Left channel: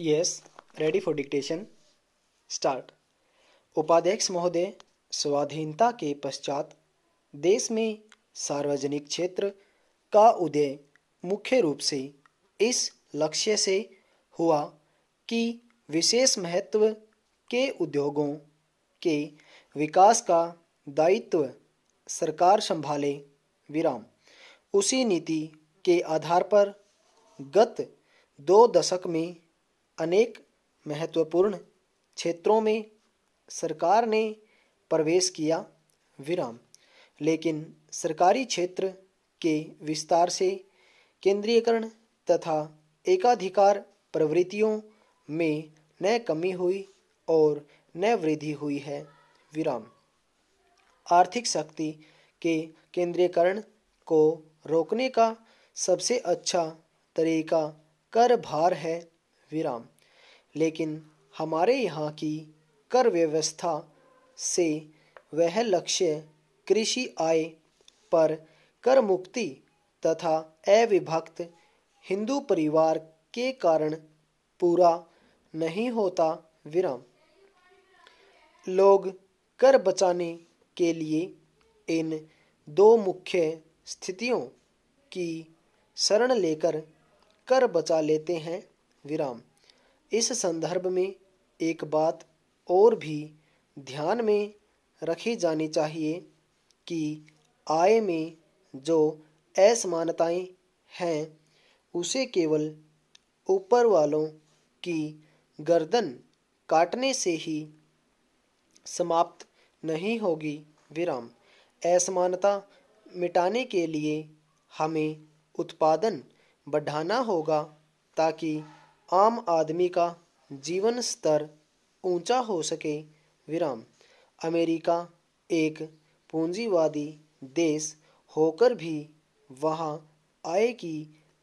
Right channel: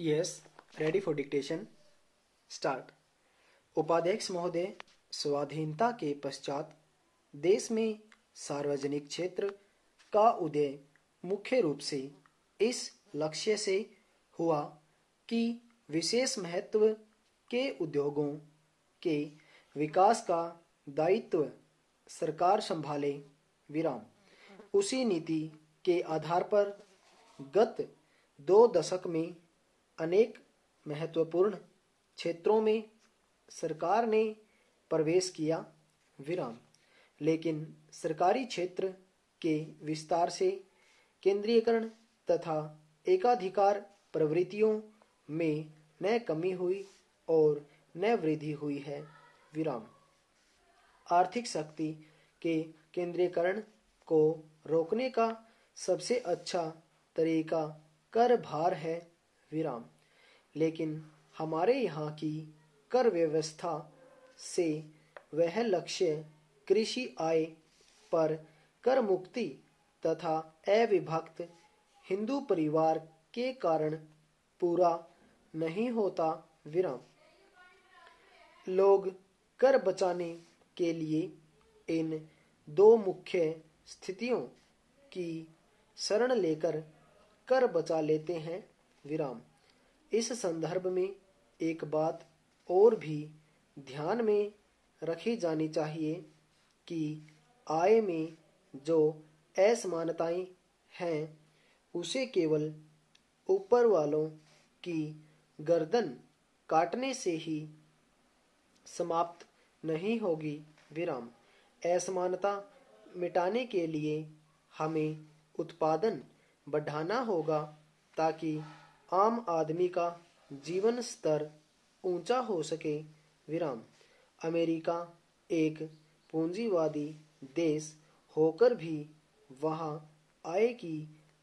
Yes, ready for dictation. Start. उपाध्यक्ष महोदय, स्वाधीनता के पश्चात देश में सार्वजनिक क्षेत्र का उदय मुख्य रूप से इस लक्ष्य से हुआ कि विशेष महत्व के उद्योगों के विकास का दायित्व सरकार संभाले। विराम। उसी नीति के आधार पर गत 2 दशक में अनेक महत्वपूर्ण क्षेत्रों में सरकार ने प्रवेश किया। विराम। लेकिन सरकारी क्षेत्र के विस्तार से केंद्रीयकरण तथा एकाधिकार प्रवृत्तियों में न कमी हुई और न वृद्धि हुई है। विराम। आर्थिक शक्ति के केंद्रीयकरण को रोकने का सबसे अच्छा तरीका कर भार है। विराम। लेकिन हमारे यहाँ की कर व्यवस्था से वह लक्ष्य कृषि आय पर कर मुक्ति तथा अविभक्त हिंदू परिवार के कारण पूरा नहीं होता। विराम। लोग कर बचाने के लिए इन 2 मुख्य स्थितियों की शरण लेकर कर बचा लेते हैं। विराम। इस संदर्भ में एक बात और भी ध्यान में रखी जानी चाहिए कि आय में जो असमानताएं हैं उसे केवल ऊपर वालों की गर्दन काटने से ही समाप्त नहीं होगी। विराम। असमानता मिटाने के लिए हमें उत्पादन बढ़ाना होगा ताकि आम आदमी का जीवन स्तर ऊंचा हो सके। विराम। अमेरिका एक पूंजीवादी देश होकर भी वहाँ आय की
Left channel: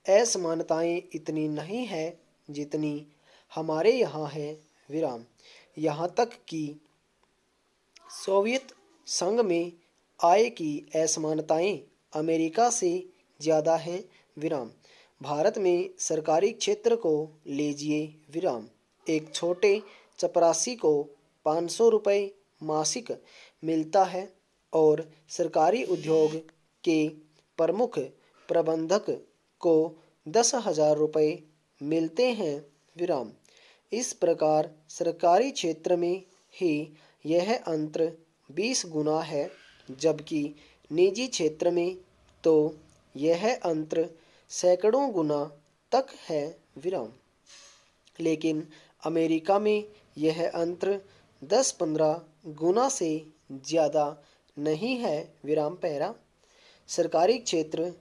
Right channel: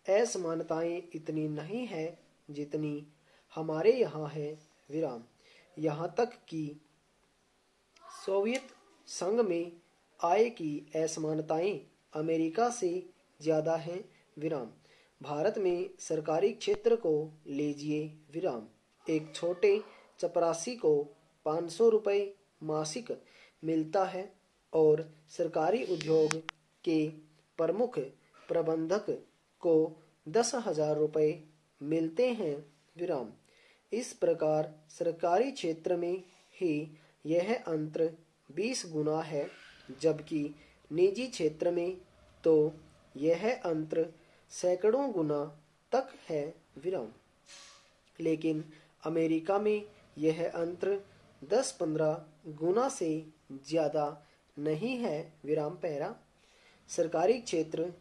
असमानताएं इतनी नहीं है जितनी हमारे यहाँ है। विराम। यहाँ तक कि सोवियत संघ में आय की असमानताएं अमेरिका से ज़्यादा हैं। विराम। भारत में सरकारी क्षेत्र को लीजिए। विराम। एक छोटे चपरासी को 500 रुपये मासिक मिलता है और सरकारी उद्योग के प्रमुख प्रबंधक को 10,000 रुपये मिलते हैं। विराम। इस प्रकार सरकारी क्षेत्र में ही यह अंतर 20 गुना है, जबकि निजी क्षेत्र में तो यह अंतर सैकड़ों गुना तक है। विराम। लेकिन अमेरिका में यह अंतर 10-15 गुना से ज़्यादा नहीं है। विराम पैरा। सरकारी क्षेत्र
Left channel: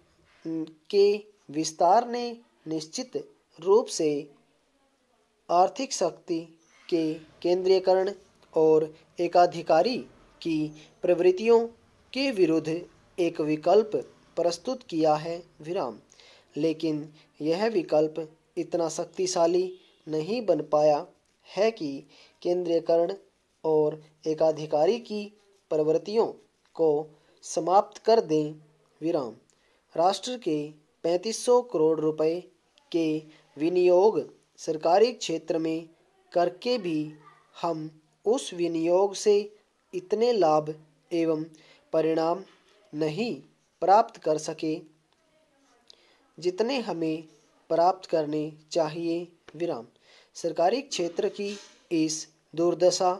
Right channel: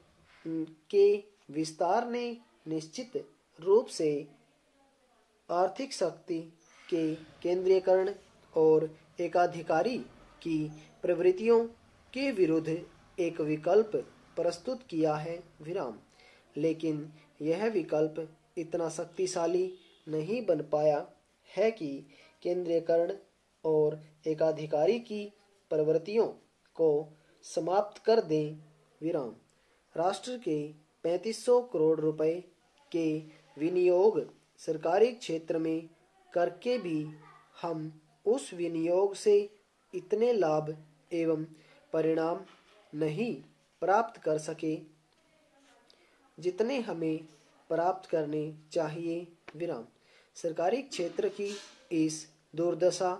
के विस्तार ने निश्चित रूप से आर्थिक शक्ति के केंद्रीयकरण और एकाधिकारी की प्रवृत्तियों के विरुद्ध एक विकल्प प्रस्तुत किया है। विराम। लेकिन यह विकल्प इतना शक्तिशाली नहीं बन पाया है कि केंद्रीयकरण और एकाधिकारी की प्रवृत्तियों को समाप्त कर दें। विराम। राष्ट्र के 3500 करोड़ रुपए के विनियोग सरकारी क्षेत्र में करके भी हम उस विनियोग से इतने लाभ एवं परिणाम नहीं प्राप्त कर सके जितने हमें प्राप्त करने चाहिए। विराम। सरकारी क्षेत्र की इस दुर्दशा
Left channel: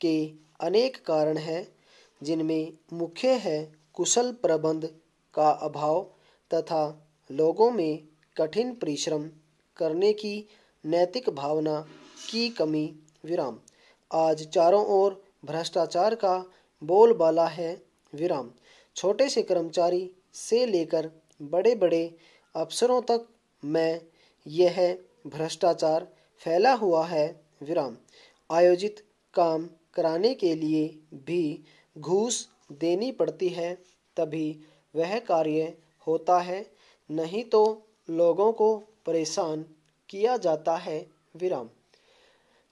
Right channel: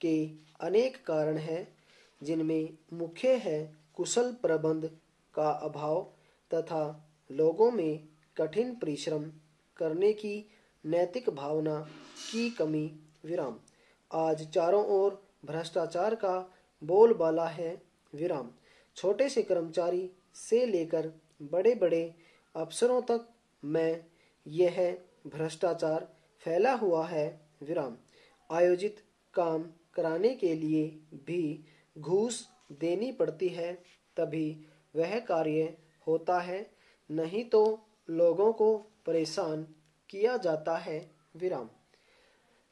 के अनेक कारण हैं, जिनमें मुख्य है कुशल प्रबंध का अभाव तथा लोगों में कठिन परिश्रम करने की नैतिक भावना की कमी। विराम। आज चारों ओर भ्रष्टाचार का बोलबाला है। विराम। छोटे से कर्मचारी से लेकर बड़े बड़े अफसरों तक में यह भ्रष्टाचार फैला हुआ है। विराम। आयोजित काम कराने के लिए भी घूस देनी पड़ती है, तभी वह कार्य होता है, नहीं तो लोगों को परेशान किया जाता है। विराम।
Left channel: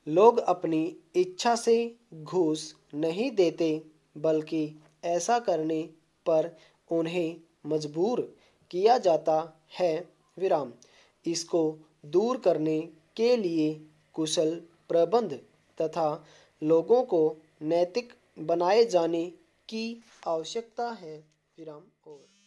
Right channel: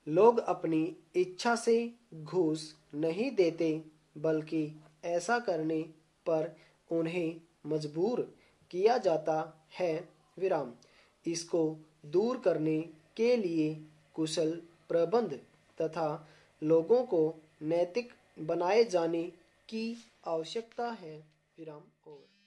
लोग अपनी इच्छा से घूस नहीं देते, बल्कि ऐसा करने पर उन्हें मजबूर किया जाता है। विराम। इसको दूर करने के लिए कुशल प्रबंध तथा लोगों को नैतिक बनाए जाने की आवश्यकता है। विराम। और